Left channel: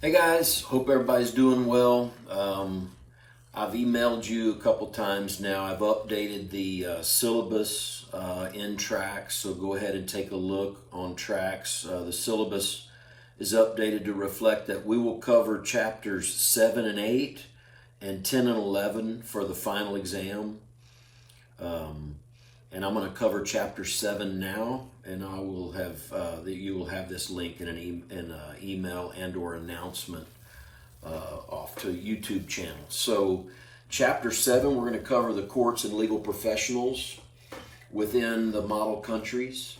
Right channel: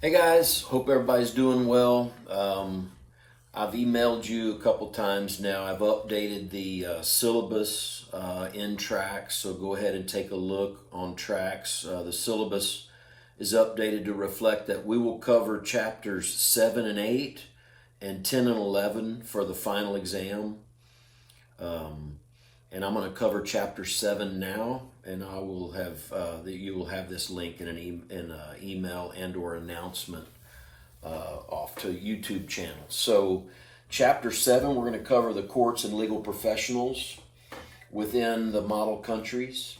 Hey guys, hope everybody's doing well. I've emailed you a couple times now. I've updated the syllabus in Tracks, so go ahead and take a look on Tracks. The syllabus is updated to reflect that we will cover chapters 7 and 8 and 10 and 11 for the final exam. And I'm going to cover chapter 7 now, and I will have you will have this link in an email and or announcement off to YouTube channel. So chapter 7, we're going to cover the courts and legal professionals within the model countries.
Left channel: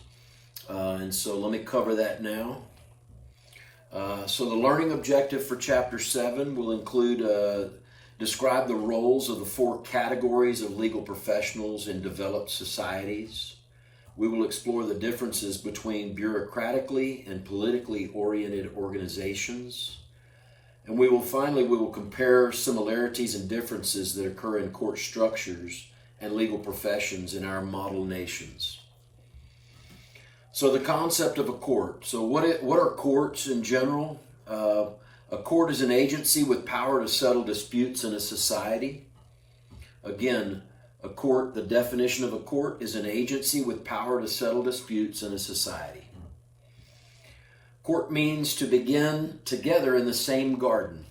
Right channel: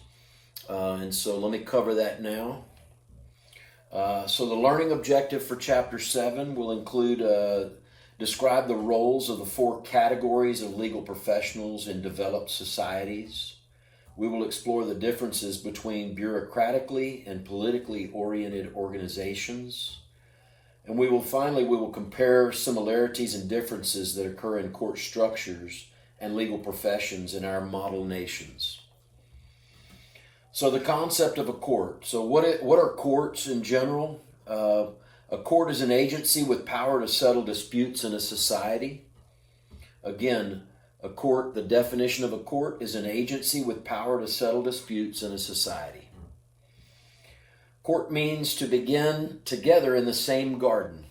And so let me cover that now. So the learning objective for chapter 7 will include describe the roles of the 4 categories of legal professionals in developed societies. We will explore the differences between bureaucratically and politically oriented organizations. And we will compare similarities and differences that occur in court structures and legal professions in our model nations. So the concept of a court. So what are courts in general? A court is an agency with power to settle disputes in a society. Again, a court, the definition of a court is an agency with power to settle disputes in a society. Court means to begin together in the same garden.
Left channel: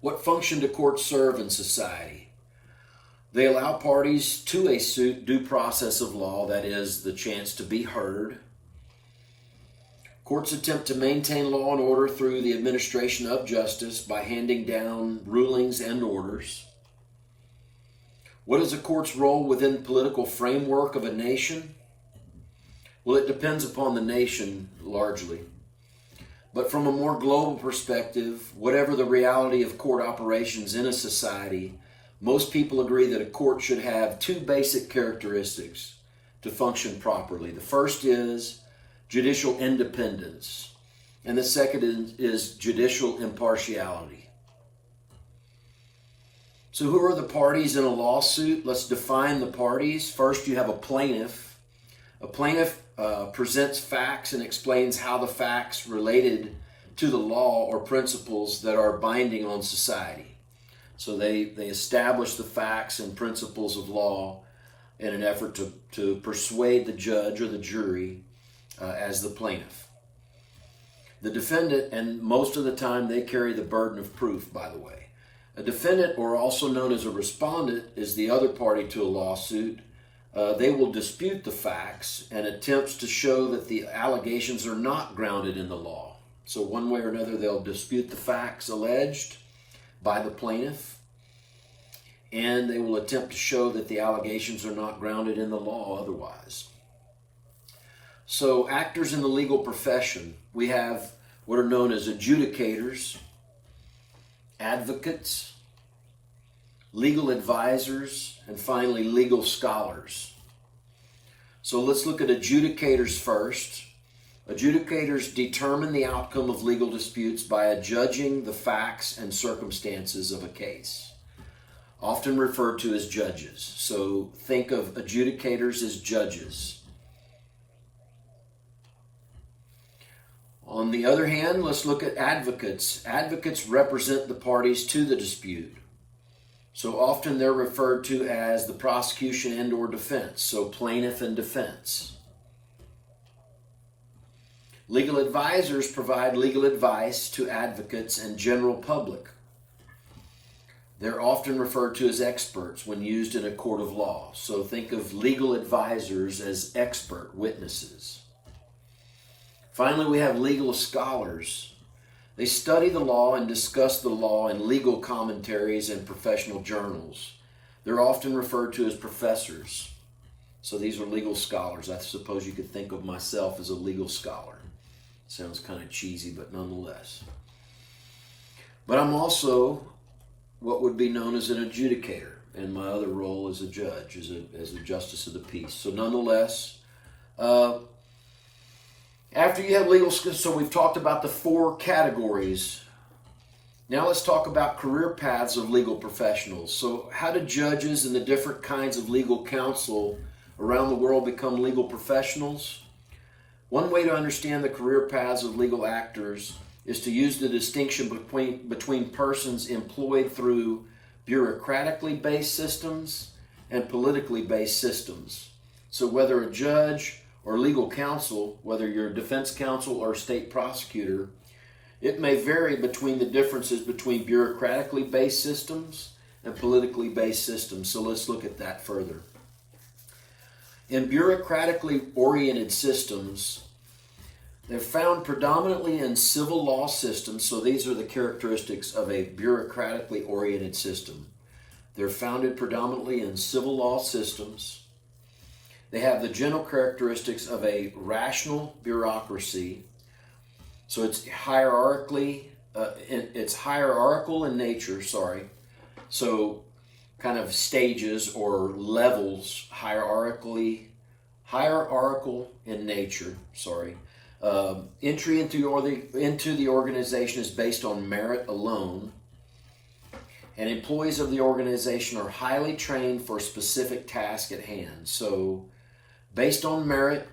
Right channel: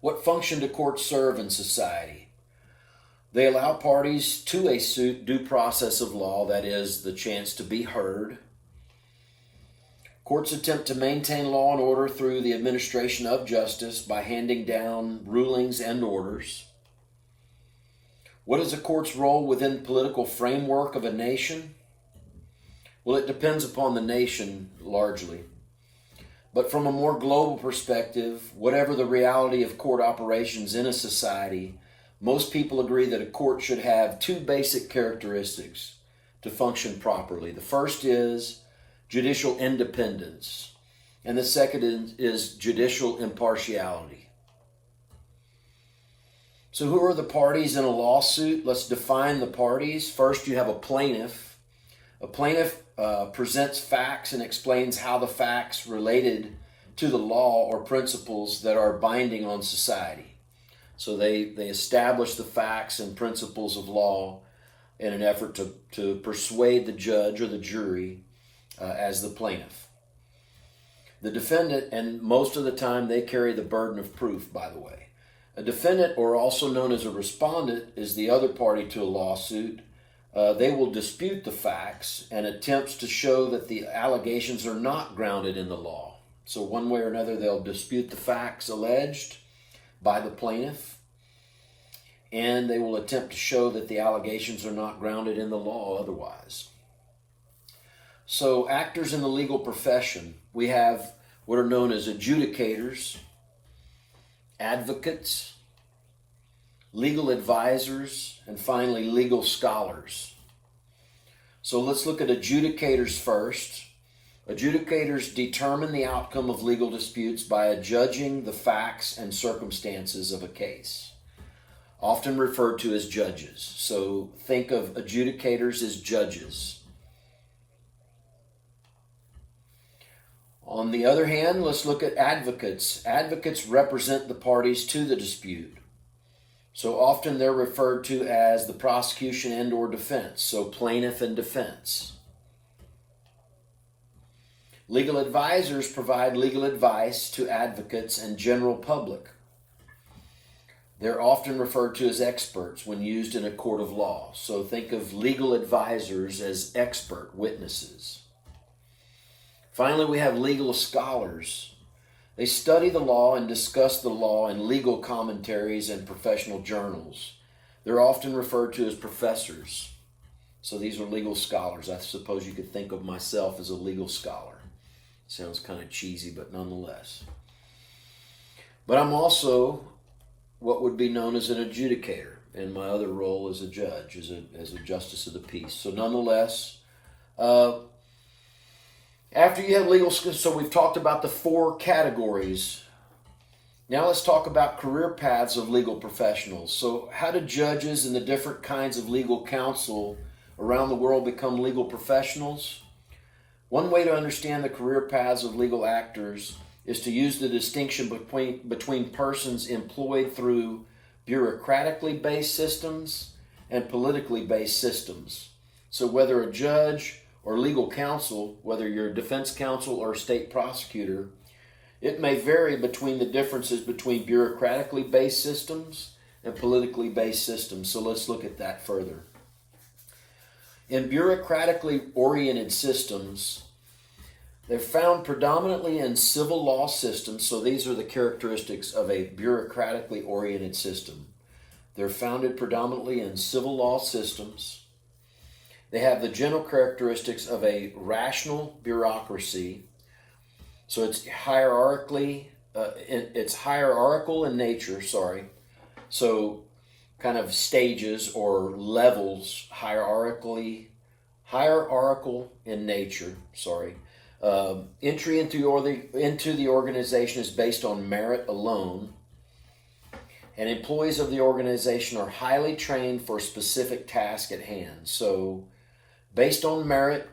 What function do courts serve in society? They allow parties to a suit due process of law, that is, the chance to be heard. Courts attempt to maintain law and order through the administration of justice by handing down rulings and orders. What is a court's role within the political framework of a nation? Well, it depends upon the nation largely. But from a more global perspective, whatever the reality of court operations in a society, most people agree that a court should have 2 basic characteristics to function properly. The first is judicial independence, and the second is judicial impartiality. So who are the parties in a lawsuit? Let's define the parties. First, you have a plaintiff. A plaintiff presents facts and explains how the facts related to the law or principles that are binding on society. So they establish the facts and principles of law in an effort to persuade the judge or the jury as the plaintiff. The defendant, and most of the time they carry the burden of proof, by the way. A defendant, or also known as a respondent, is the other party to a lawsuit. They will dispute the facts and attempts to show that the allegations are not grounded in the law. So one way or another, they'll dispute the facts alleged by the plaintiff, and they will attempt to show that the allegations are not grounded in the law otherwise. So actors in the legal profession, we have what are known as adjudicators, advocates, legal advisors, and finally legal scholars. So let's look at adjudicators first. Adjudicators determine the outcome of legal disputes by adjudging the facts and circumstances of a case, often referred to as judges. So think of adjudicators as judges. On the other hand, let's look at advocates. Advocates represent the parties to the dispute. So often they're referred to as the prosecution and or defense, so plaintiff and defense. Legal advisors provide legal advice to advocates and general public. They're often referred to as experts when used in a court of law. So think of legal advisors as expert witnesses. Finally, we have legal scholars. They study the law and discuss the law in legal commentaries and professional journals. They're often referred to as professors. So these are legal scholars. I suppose you could think of myself as a legal scholar. Sounds kind of cheesy, but nonetheless. But I'm also what would be known as an adjudicator, and my other role as a judge, as a justice of the peace. So nonetheless, after you have legal, so we've talked about the 4 categories. Now let's talk about career paths of legal professionals. So how do judges and the different kinds of legal counsel around the world become legal professionals? One way to understand the career paths of legal actors is to use the distinction between persons employed through bureaucratically based systems and politically based systems. So whether a judge or legal counsel, whether you're a defense counsel or a state prosecutor, it may vary between the differences between bureaucratically based systems and politically based systems. So let's look at that further. In bureaucratically oriented systems, they're found predominantly in civil law systems. So these are the characteristics of a bureaucratically oriented system. They're founded predominantly in civil law systems. They have the general characteristics of a rational bureaucracy. So it's it's hierarchical in nature, So kind of stages or levels, hierarchical in nature, Entry into the organization is based on merit alone, and employees of the organization are highly trained for a specific task at hand. So based on merit,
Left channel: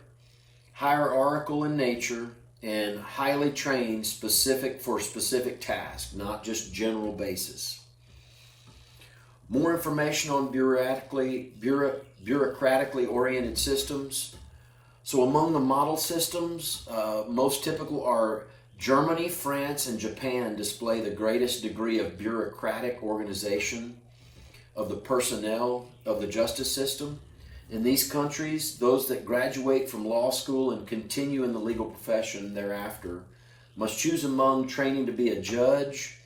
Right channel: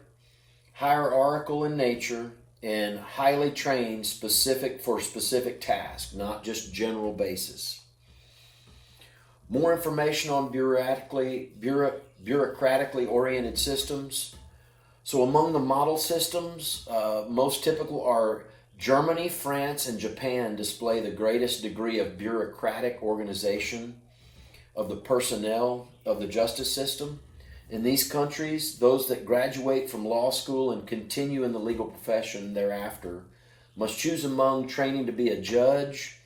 hierarchical in nature, and highly trained for specific tasks, not just general basis. More information on bureaucratically oriented systems. So among the model systems, most typical are Germany, France, and Japan display the greatest degree of bureaucratic organization of the personnel of the justice system. In these countries, those that graduate from law school and continue in the legal profession thereafter must choose among training to be a judge,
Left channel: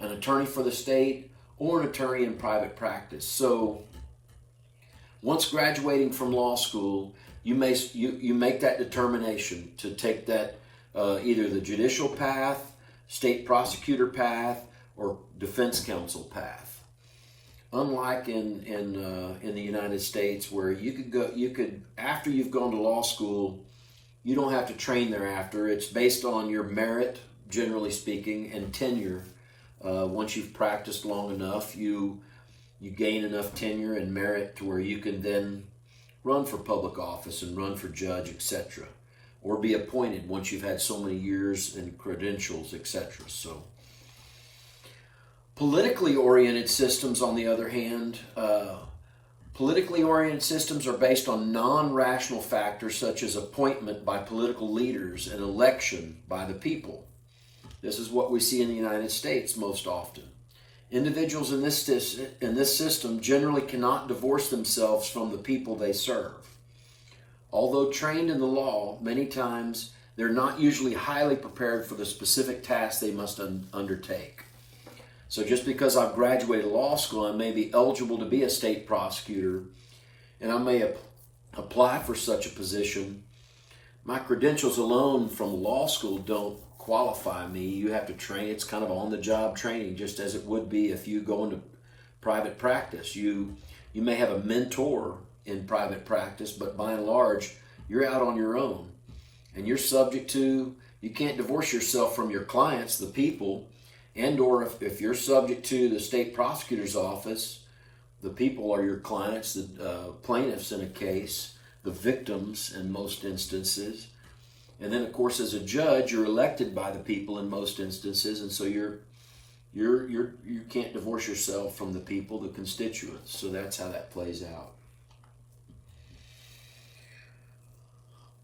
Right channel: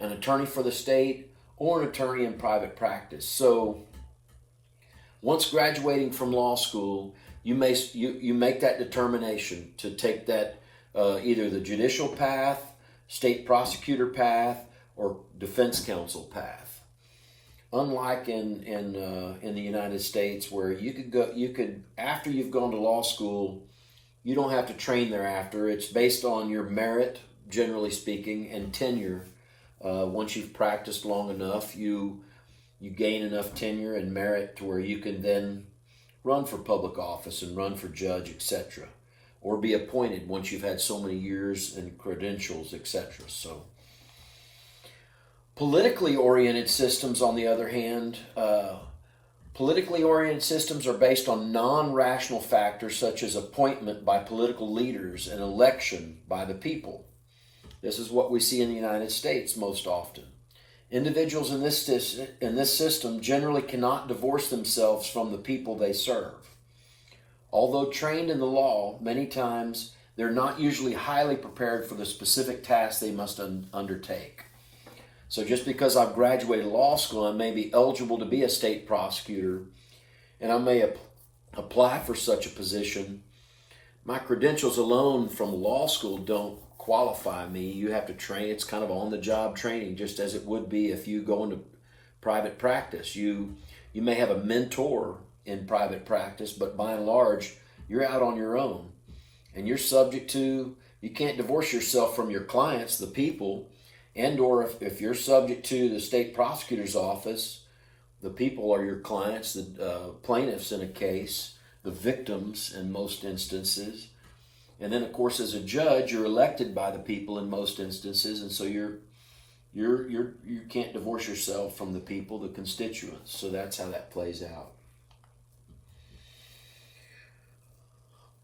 an attorney for the state, or an attorney in private practice. So once graduating from law school, you make that determination to take that either the judicial path, state prosecutor path, or defense counsel path. Unlike in the United States, where you could after you've gone to law school, you don't have to train thereafter. It's based on your merit, generally speaking, and tenure. Once you've practiced long enough, you gain enough tenure and merit to where you can then run for public office and run for judge, etc., or be appointed once you've had so many years and credentials, etc. So. Politically oriented systems, on the other hand, politically oriented systems are based on non-rational factors such as appointment by political leaders and election by the people. This is what we see in the United States most often. Individuals in this system generally cannot divorce themselves from the people they serve. Although trained in the law, many times they're not usually highly prepared for the specific tasks they must undertake. So just because I've graduated law school, I may be eligible to be a state prosecutor, and I may apply for such a position. My credentials alone from law school don't qualify me. You have to train. It's kind of on-the-job training, just as it would be if you go into private practice. You may have a mentor in private practice, but by and large, you're out on your own. And you're subject to, you can't divorce yourself from your clients, the people, and or if you're subject to the state prosecutor's office, the people are your clients, the plaintiffs in a case, the victims in most instances. And then, of course, as a judge, you're elected by the people in most instances, and so you can't divorce yourself from the people, the constituents. So that's how that plays out.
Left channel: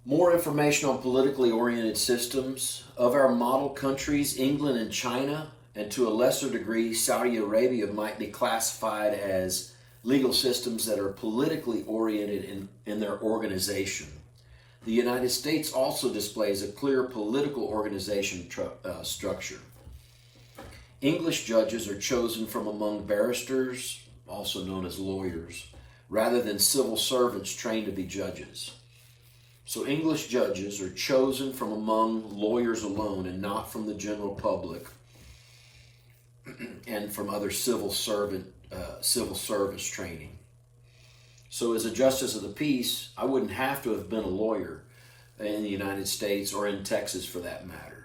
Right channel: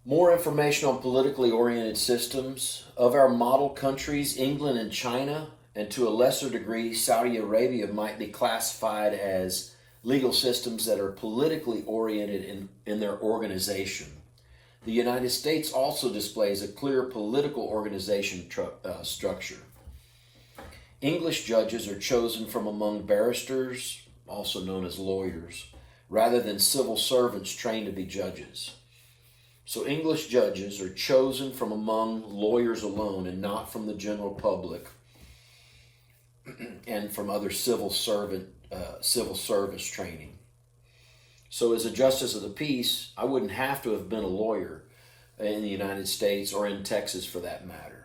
More information on politically oriented systems. Of our model countries, England and China, and to a lesser degree, Saudi Arabia, might be classified as legal systems that are politically oriented in their organization. The United States also displays a clear political organization structure. English judges are chosen from among barristers, also known as lawyers, rather than civil servants trained to be judges. So English judges are chosen from among lawyers alone and not from the general public and from other civil service training. So as a justice of the peace, I wouldn't have to have been a lawyer in the United States or in Texas for that matter.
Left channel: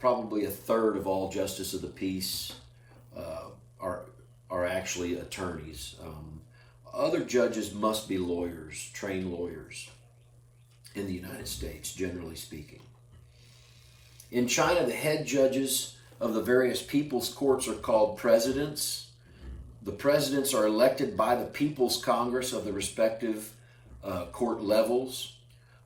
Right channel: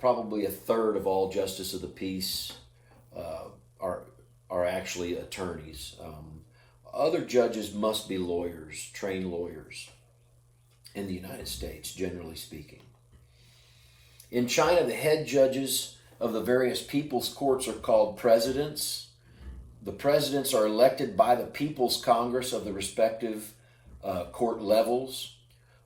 Probably a third of all justice of the peace are actually attorneys. Other judges must be lawyers, trained lawyers in the United States, generally speaking. In China, the head judges of the various people's courts are called presidents. The presidents are elected by the People's Congress of the respective court levels.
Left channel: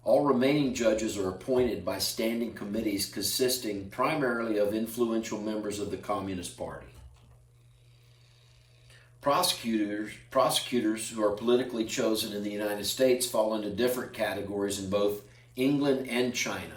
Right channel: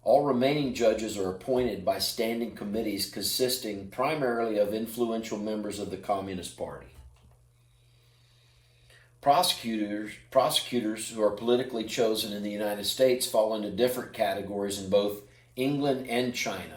All remaining judges are appointed by standing committees consisting primarily of influential members of the Communist Party. Prosecutors who are politically chosen in the United States fall into different categories in both England and China.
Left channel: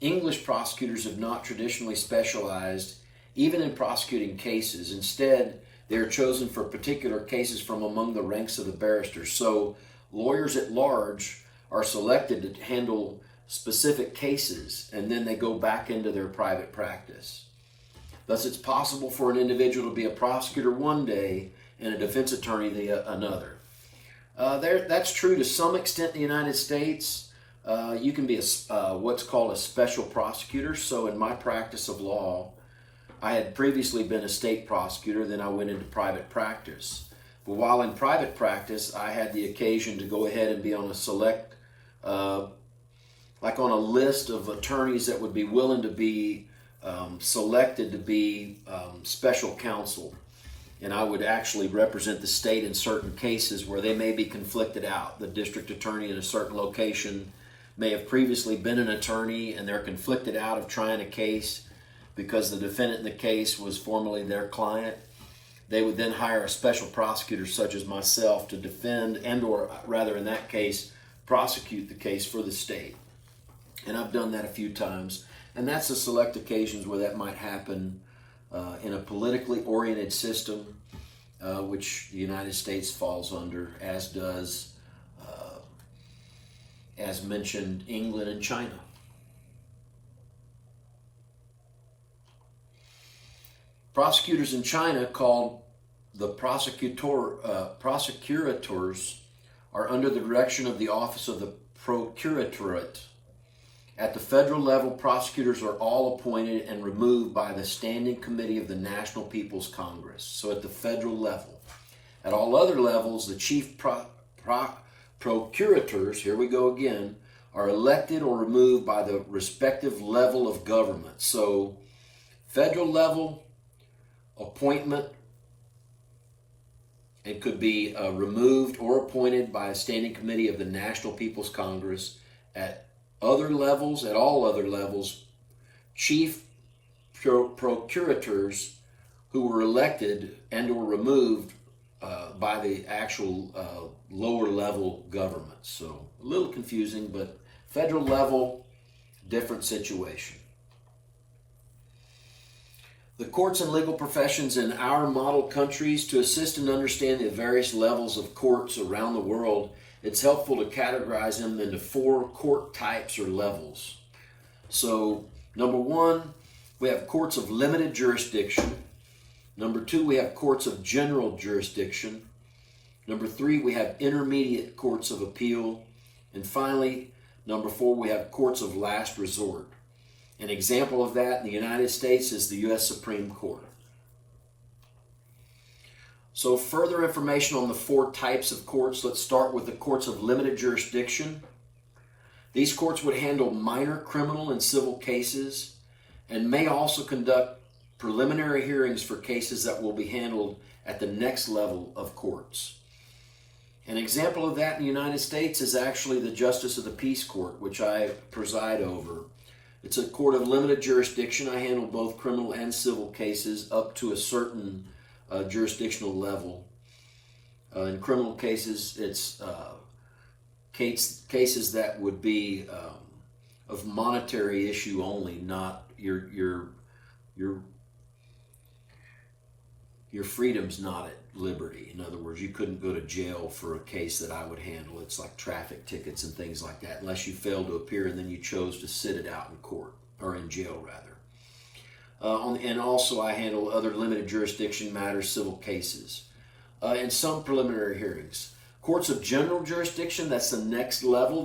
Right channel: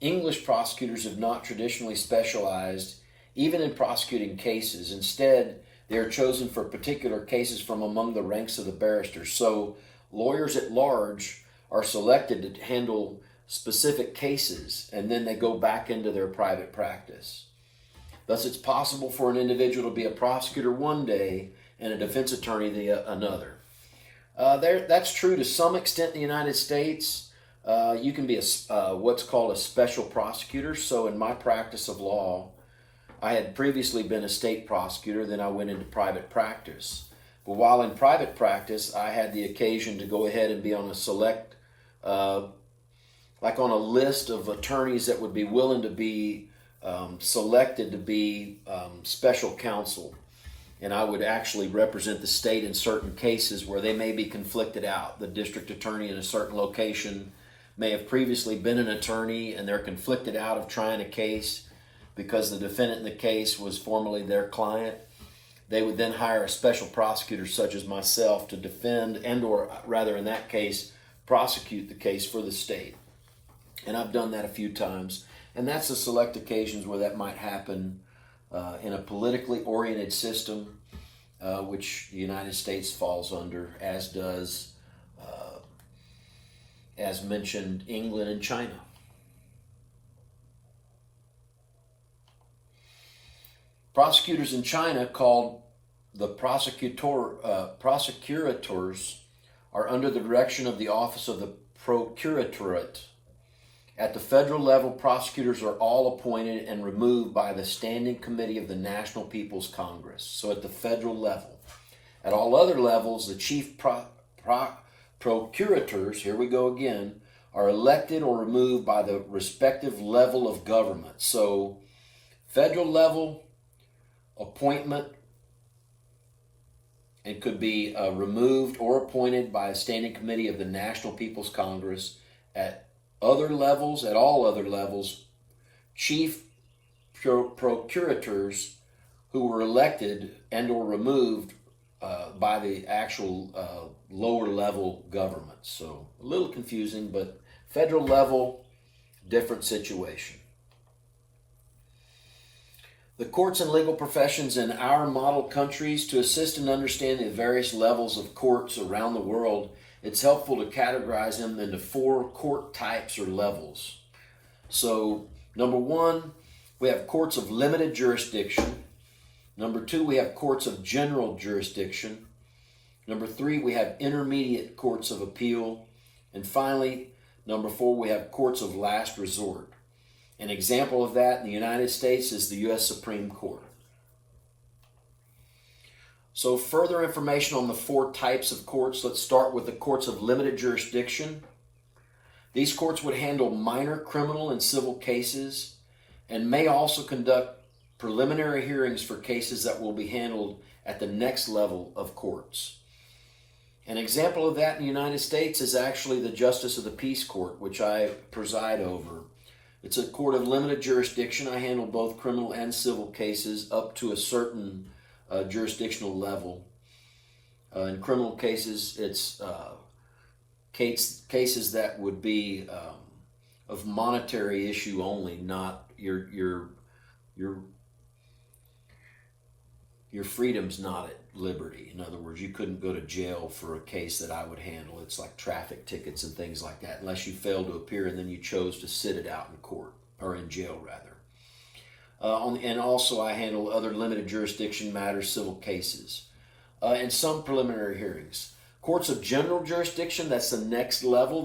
English prosecutors have not traditionally specialized even in prosecuting cases. Instead, they are chosen for particular cases from among the ranks of the barristers. So, lawyers at large are selected to handle specific cases, and then they go back into their private practice. Thus, it's possible for an individual to be a prosecutor one day and a defense attorney another. That's true to some extent in the United States. You can be what's called a special prosecutor. So in my practice of law, I had previously been a state prosecutor, then I went into private practice. But while in private practice, I had the occasion to go ahead and be on a select, like on a list of attorneys that would be willing to be selected to be special counsel. And I would actually represent the state in certain cases where they may be conflicted out. The district attorney in a certain location may have previously been an attorney and they're conflicted out of trying a case because the defendant in the case was formerly their client. They would then hire a special prosecutor such as myself to defend and or rather in that case prosecute the case for the state. And I've done that a few times. And that's the select occasions where that might happen in a politically oriented system, which the United States falls under, as does, as mentioned, England and China. Prosecutors in China, called the prosecurators, are under the direction of the Office of the Procuratorate. At the federal level, prosecutors are all appointed and removed by the Standing Committee of the National People's Congress. So at the federal level. At all other levels, the chief procurators, here we go again, are elected or removed by the respective level of government. So federal level appointment, and could be removed or appointed by a Standing Committee of the National People's Congress. At other levels, at all other levels, chief procurators who were elected and or removed by the actual lower level government. So a little confusing, but federal level, different situation. The courts and legal professions in our model countries, to assist in understanding the various levels of courts around the world, it's helpful to categorize them into 4 court types or levels. So, number 1, we have courts of limited jurisdiction. Number 2, we have courts of general jurisdiction. Number 3, we have intermediate courts of appeal. And finally, number 4, we have courts of last resort. An example of that in the United States is the U.S. Supreme Court. So further information on the 4 types of courts. Let's start with the courts of limited jurisdiction. These courts would handle minor criminal and civil cases and may also conduct preliminary hearings for cases that will be handled at the next level of courts. An example of that in the United States is actually the Justice of the Peace Court, which I preside over. It's a court of limited jurisdiction. I handle both criminal and civil cases up to a certain jurisdictional level. In criminal cases, it's cases that would be of monetary issue only, not your freedom's not at liberty. In other words, you couldn't go to jail for a case that I would handle. It's like traffic tickets and things like that, unless you failed to appear and then you chose to sit it out in court, or in jail rather. And also I handle other limited jurisdiction matters, civil cases, and some preliminary hearings. Courts of general jurisdiction, that's the next level.